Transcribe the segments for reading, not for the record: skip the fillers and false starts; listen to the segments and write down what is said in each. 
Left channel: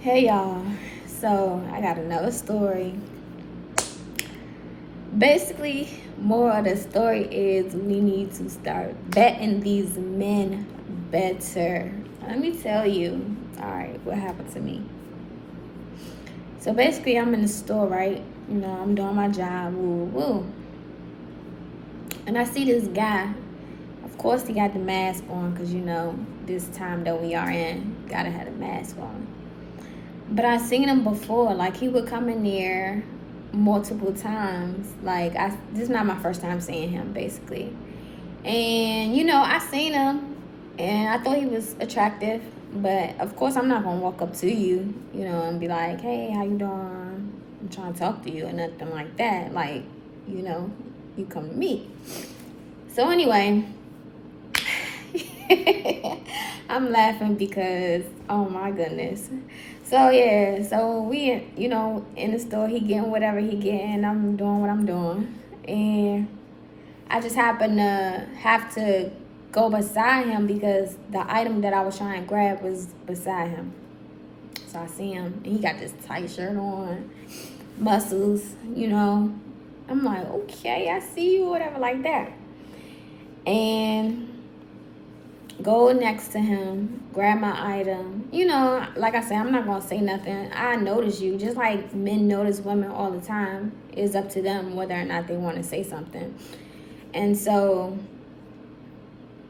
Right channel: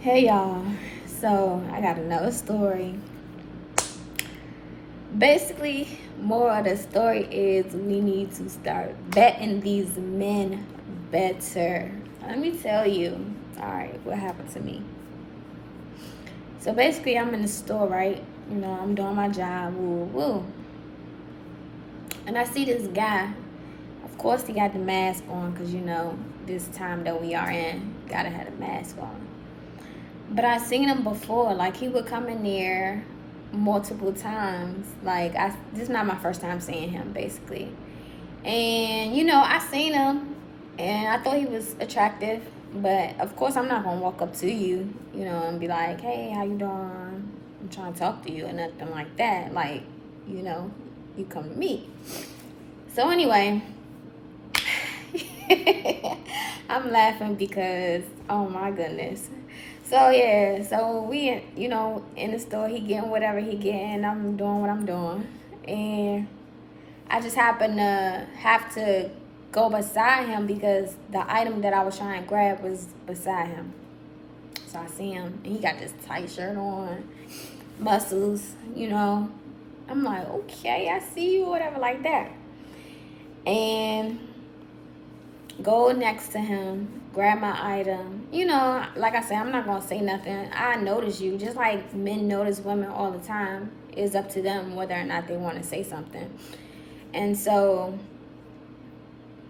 Hey y'all, so I got another story. Basically, more of the story is we need to start vetting these men better. Let me tell you, alright, what happened to me. So basically, I'm in the store, right? I'm doing my job, woo woo. And I see this guy. Of course, he got the mask on because this time that we are in, gotta have a mask on. But I seen him before. Like he would come in there multiple times. This is not my first time seeing him, basically. And I seen him, and I thought he was attractive. But of course, I'm not gonna walk up to you, and be like, "Hey, how you doing? I'm trying to talk to you," or nothing like that. You know, you come to me. So anyway, I'm laughing because oh my goodness. So yeah, so we in the store, he getting whatever he getting, I'm doing what I'm doing. And I just happen to have to go beside him because the item that I was trying to grab was beside him. So I see him and he got this tight shirt on, muscles, I'm like, okay, I see you, whatever like that. And go next to him, grab my item. Like I said, I'm not gonna say nothing. I notice you, just like men notice women all the time. It's up to them whether or not they want to say something. And so,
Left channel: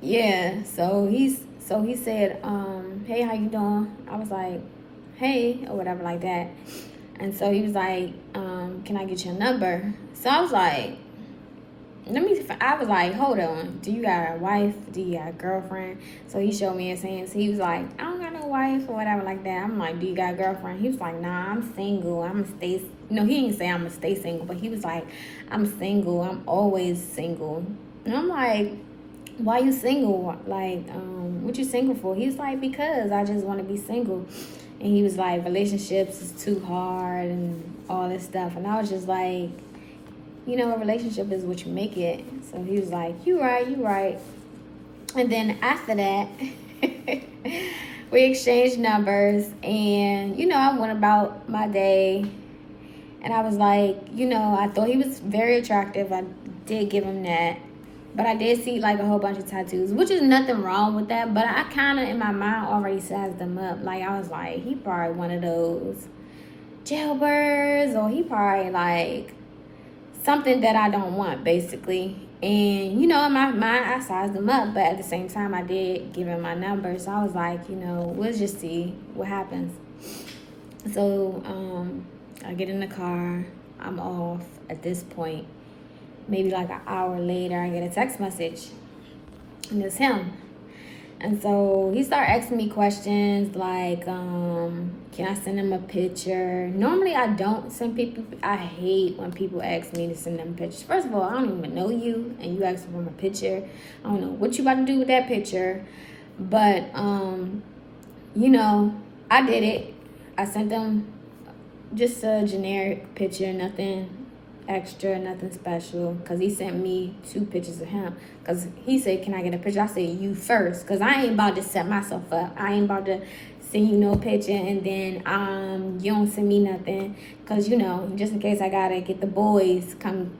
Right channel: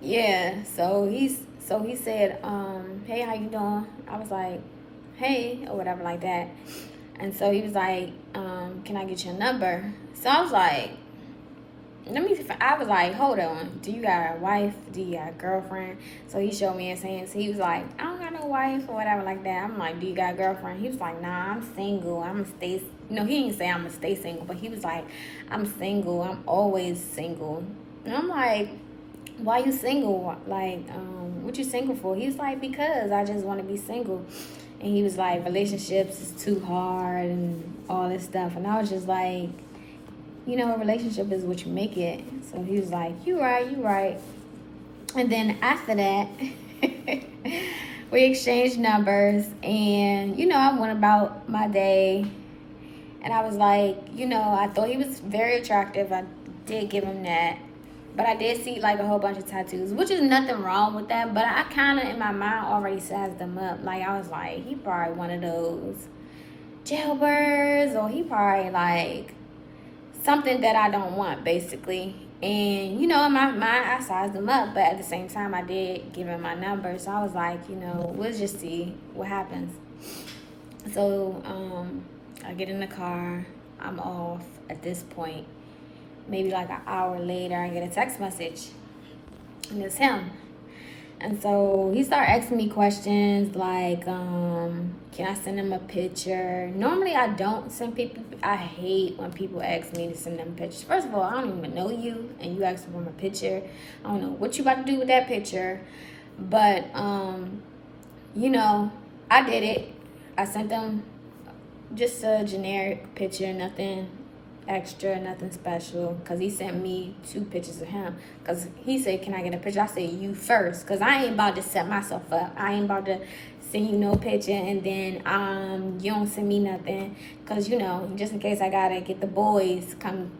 yeah. So he said, "Hey, how you doing?" I was like, "Hey," or whatever like that. And so he was like, "Can I get your number?" So I was like, I was like, hold on, do you got a wife? Do you got a girlfriend? So he showed me his hands. He was like, I don't got no wife or whatever like that. I'm like, do you got a girlfriend? He was like, nah, I'm single. I'm gonna stay. No, he didn't say I'm gonna stay single, but he was like, I'm single. I'm always single. And I'm like, why you single? What you single for? He was like, because I just want to be single. And he was like, relationships is too hard and all this stuff. And I was just like, a relationship is what you make it. So he was like, you right. And then after that, we exchanged numbers and, I went about my day. And I was like, I thought he was very attractive. I did give him that. But I did see like a whole bunch of tattoos, which is nothing wrong with that. But I kind of in my mind already sized them up. Like I was like, he probably one of those jailbirds, or he probably like something that I don't want, basically. And in my mind, I sized them up, but at the same time, I did give him my number. So I was like, let's just see what happens. So I get in the car, I'm off at this point. Maybe like an hour later, I get a text message, and it's him. And so he started asking me questions like, can I send him a picture? Normally I don't send people. I hate when people ask me to send them pictures. First of all, I don't even know you, and you ask them a picture. I don't know what you about to do with that picture. But, I did it. I sent them just a generic picture, nothing extra, nothing special, because he sent me 2 pictures of him, because he said, can I get a picture? I said, you first, because I ain't about to set myself up. I ain't about to send you no picture and then you don't send me nothing, because just in case I gotta get the boys come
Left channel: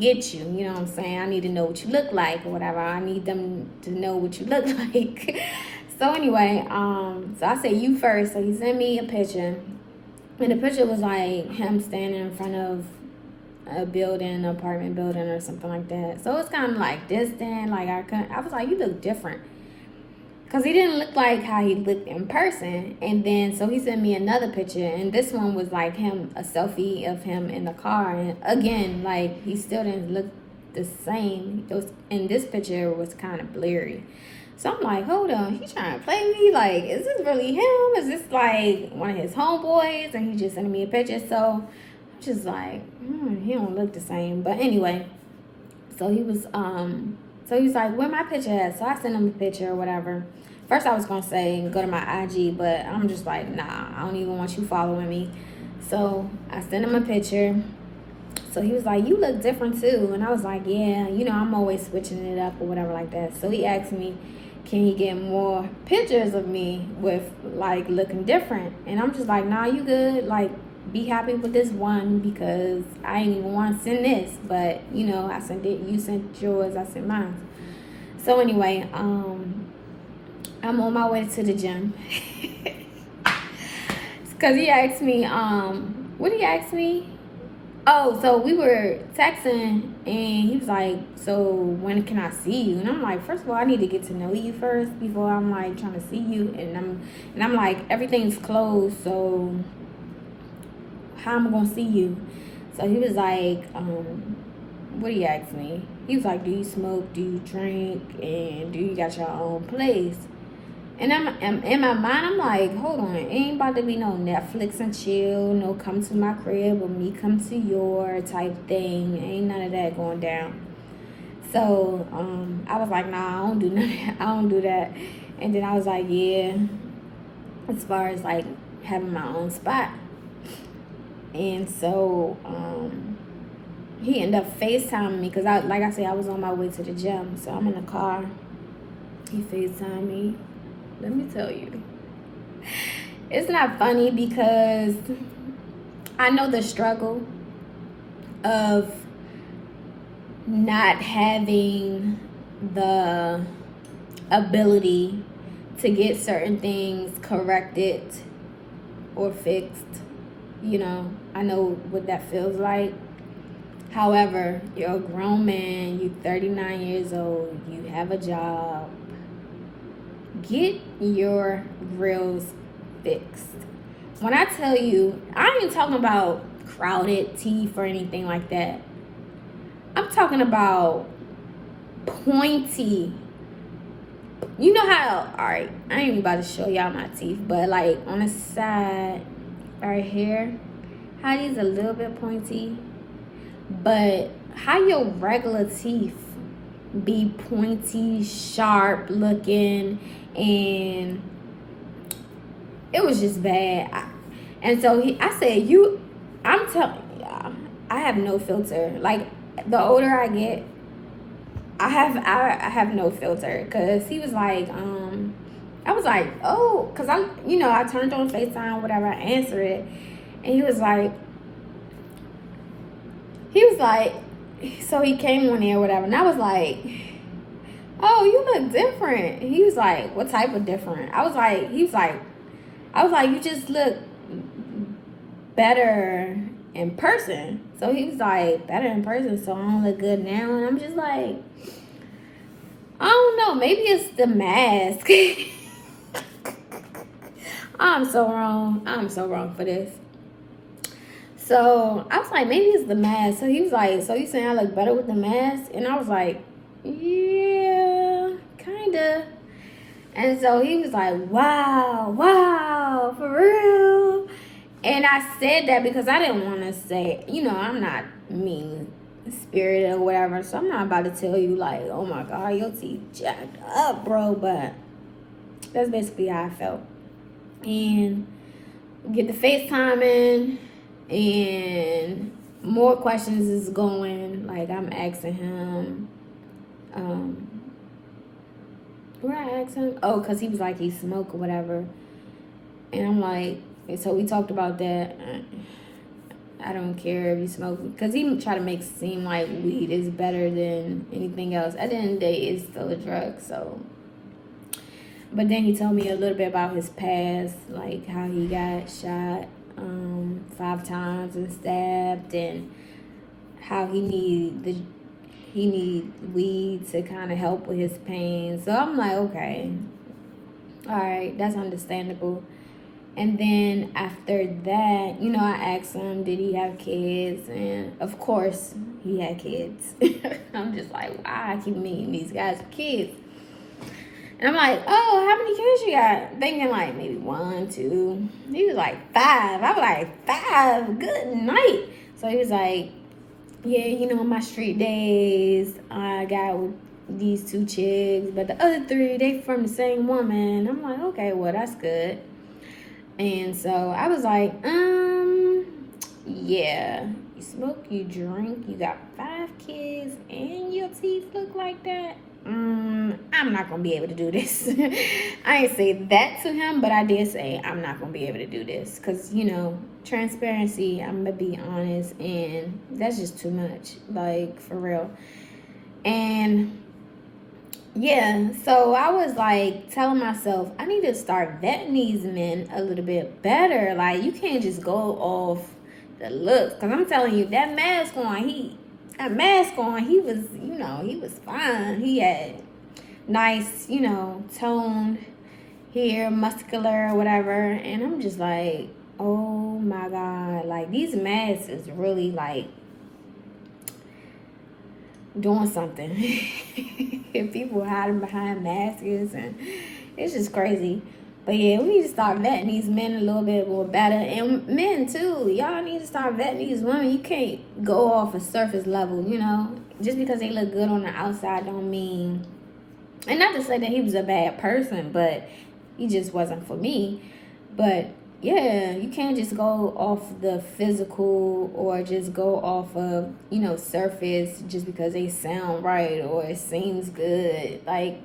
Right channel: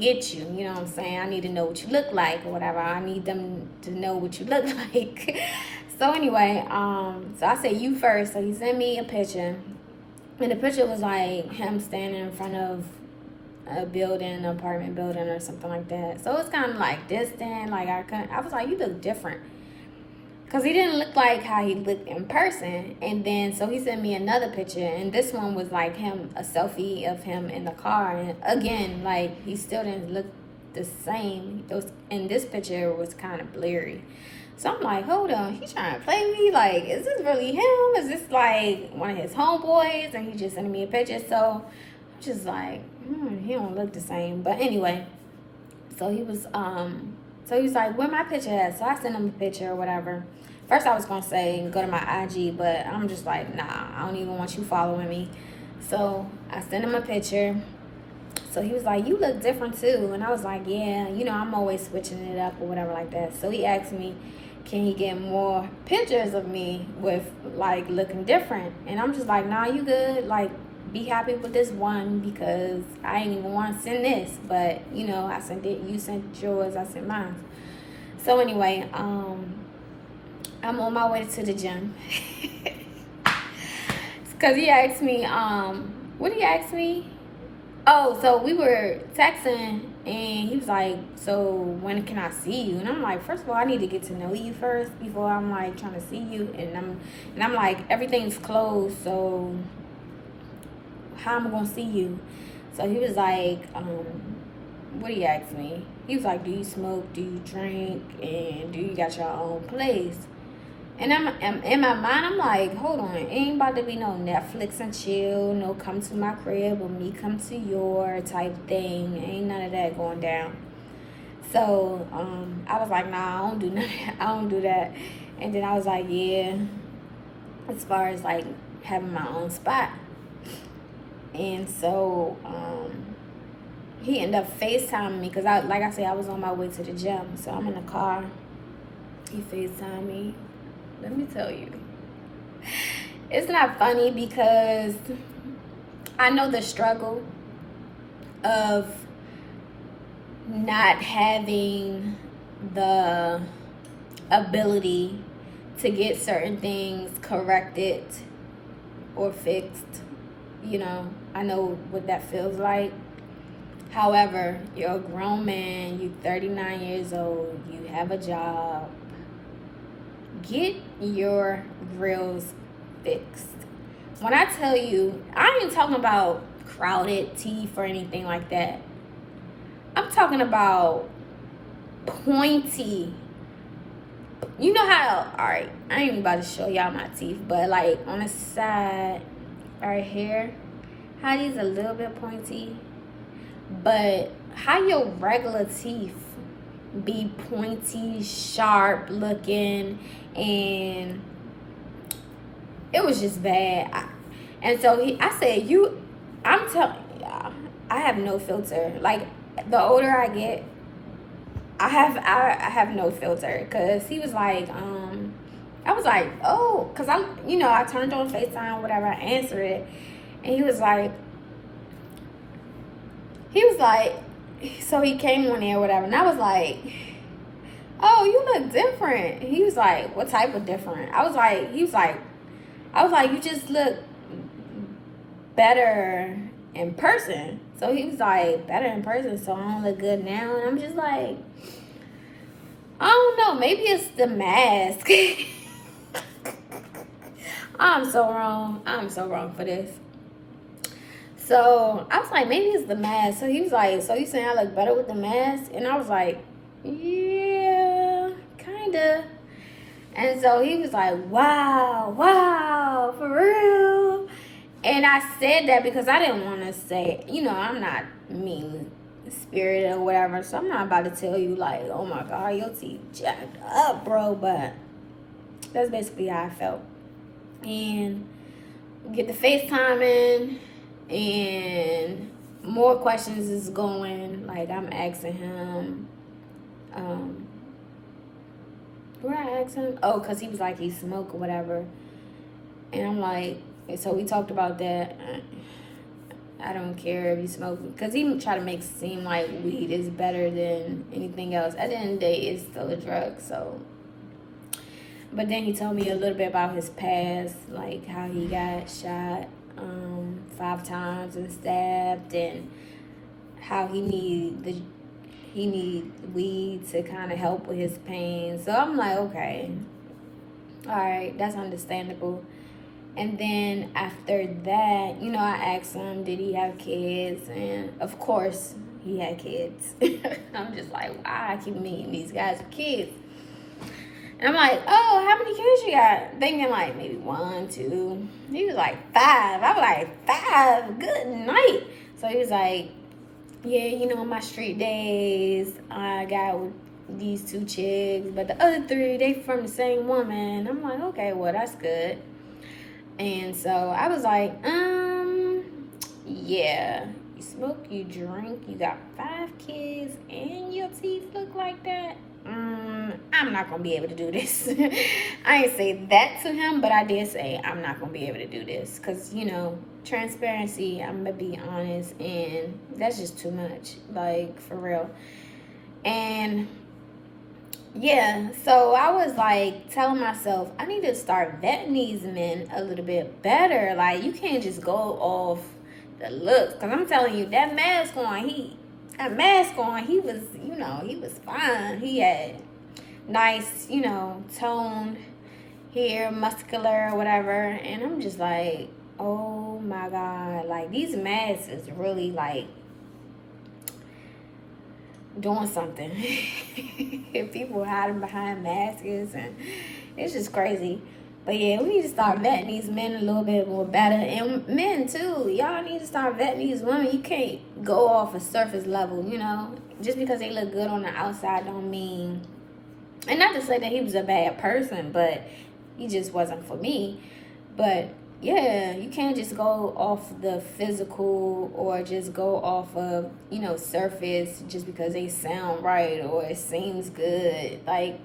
get you, you know what I'm saying? I need to know what you look like or whatever. I need them to know what you look like. So anyway, so I said, you first. So he sent me a picture, and the picture was like him standing in front of a building, an apartment building or something like that. So it's kind of like distant. Like I was like, you look different. Because he didn't look like how he looked in person. And then, so he sent me another picture. And this one was like him, a selfie of him in the car. And again, like he still didn't look the same. In this picture was kind of blurry. So I'm like, hold on, he's trying to play me? Like, is this really him? Is this like one of his homeboys? And he just sent me a picture. So I'm just like, he don't look the same. But anyway, so he's like, where my picture at? So I sent him a picture or whatever. First I was gonna say go to my IG, but I'm just like, nah, I don't even want you following me. So I sent him a picture. So he was like, you look different too. And I was like, yeah, I'm always switching it up or whatever like that. So he asked me, can he get more pictures of me with like looking different? And I'm just like, nah, you good. Like, be happy with this one because I ain't even want to send this. But, you know, I sent it. You sent yours. I sent mine. So anyway, I'm on my way to the gym. Because he asked me, what did he ask me? Oh, so we were texting and he was like, so when can I see you? And I'm like, first of all, I need to get to know you first before I'm like trying to see you. And I'm like, everything's closed, so how am I gonna see you? So he was like, what did he ask me? He was like, do you smoke, do you drink, and do you got your own place? And I'm in my mind, I'm like, hold on, ain't about to be no Netflix and chill, no come to my crib or me come to your type thing. Ain't none of that going down. So I was like, nah, I don't do that. I don't do that. And then I was like, yeah, as far as like having my own spot. And so he ended up FaceTiming me because like I said, I was on my way to the gym. So I'm in the car. He FaceTimed me. Let me tell you, it's not funny because I know the struggle of not having the ability to get certain things corrected or fixed. You know, I know what that feels like. However, you're a grown man, you're 39 years old, you have a job. Get your grills fixed. When I tell you, I ain't talking about crowded teeth or anything like that. I'm talking about pointy. You know how, alright, I ain't even about to show y'all my teeth, but like on the side, right here, how these a little bit pointy, but how your regular teeth be pointy, sharp looking, and it was just bad. And so I said, I'm telling y'all, I have no filter. Like, the older I get, I have no filter. Cause he was like, I was like, oh, cause I turned on FaceTime, whatever, I answered it, and he was like, so he came on there, whatever, and I was like, oh, you look different. He was like, what type of different? I was like, you just look better in person. So he was like, better in person, so I don't look good now. And I'm just like, I don't know, maybe it's the mask. I'm so wrong for this. So I was like, maybe it's the mask. So he was like, so you saying I look better with the mask? And I was like, yeah, kinda. And so he was like, wow, for real. And I said that because I didn't want to say, I'm not mean spirited or whatever. So I'm not about to tell you like, oh my God, your teeth jacked up, bro. But that's basically how I felt. And get the FaceTime in, and more questions is going. Like, I'm asking him, where I asked him? Oh, because he was like, he smoked or whatever. And I'm like, and so we talked about that. I don't care if you smoke. Because he tried to make it seem like weed is better than anything else. At the end of the day, it's still a drug, so. But then he told me a little bit about his past, like how he got shot 5 times and stabbed, and how he need weed to kind of help with his pain. So I'm like, okay, all right, that's understandable. And then after that, I asked him, did he have kids? And of course, he had kids. I'm just like, wow, I keep meeting these guys with kids. And I'm like, oh, how many kids you got? Thinking like maybe 1, 2. He was like 5. I was like, 5? Good night. So he was like, yeah, my street days, I got these 2 chicks, but the other 3, they from the same woman. I'm like, okay, well, that's good. And so I was like, yeah, you smoke, you drink, you got 5 kids, and your teeth look like that? I'm not gonna be able to do this. I ain't say that to him, but I did say I'm not gonna be able to do this because, you know, transparency, I'm gonna be honest, and that's just too much, like, for real. And yeah, so I was like telling myself I need to start vetting these men a little bit better. Like, you can't just go off the looks, because I'm telling you, that mask on, he was, you know, he was fine. He had nice, you know, toned hair, muscular, whatever. And I'm just like, oh my God, like, these masks is really like doing something. If people hiding behind masks, and it's just crazy. But yeah, we need to start vetting these men a little bit more better. And men too, y'all need to start vetting these women. You can't go off a surface level, you know. Just because they look good on the outside don't mean, and not to say that he was a bad person, but he just wasn't for me. But yeah, you can't just go off the physical or just go off of, you know, surface just because they sound right or it seems good. Like,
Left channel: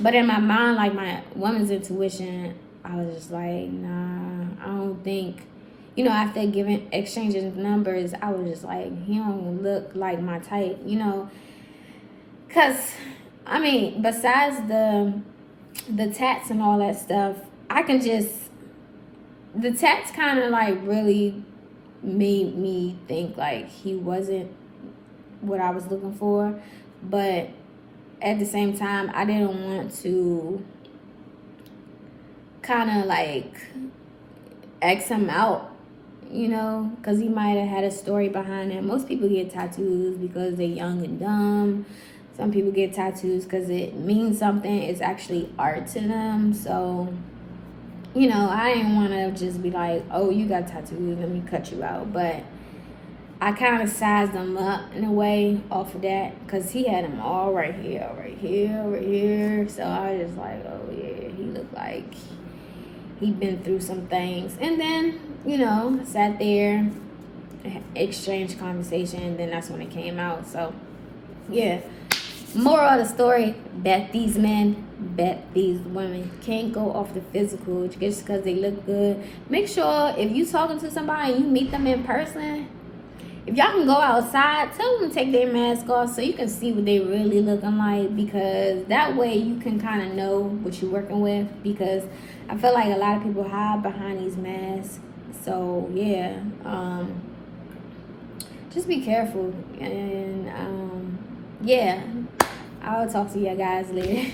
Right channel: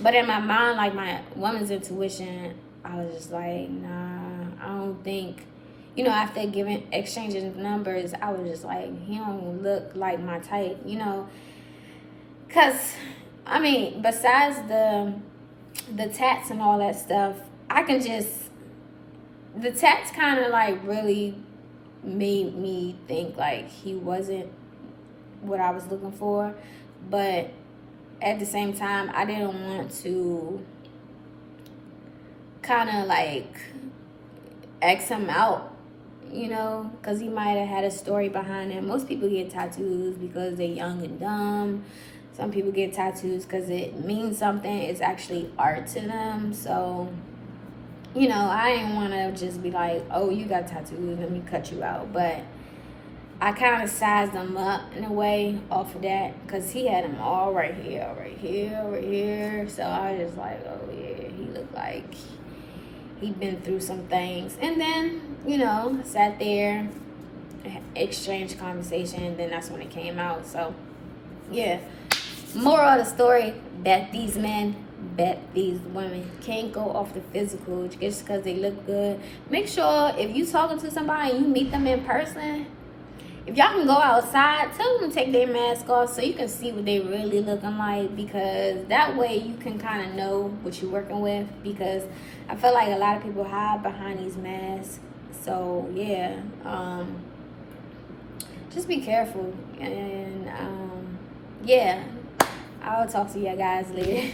but in my mind, like, my woman's intuition, I was just like, nah, I don't think, you know, after exchanging numbers, I was just like, he don't look like my type, you know. Because, I mean, besides the tats and all that stuff, the tats kind of like really made me think like he wasn't what I was looking for. But at the same time, I didn't want to kind of like X him out, you know, because he might have had a story behind it. Most people get tattoos because they're young and dumb. Some people get tattoos because it means something. It's actually art to them. So, you know, I didn't want to just be like, oh, you got tattoos, let me cut you out. But I kind of sized him up in a way off of that, because he had them all right here, right here, right here. So I was just like, oh yeah, he looked like he'd been through some things. And then, you know, sat there, exchanged conversation, and then that's when it came out. So yeah, moral of the story, bet these men, bet these women. Can't go off the physical just because they look good. Make sure if you talking to somebody and you meet them in person, if y'all can go outside, tell them to take their mask off so you can see what they really looking like, because that way you can kind of know what you're working with, because I feel like a lot of people hide behind these masks. So yeah, just be careful. And yeah, I'll talk to you guys later.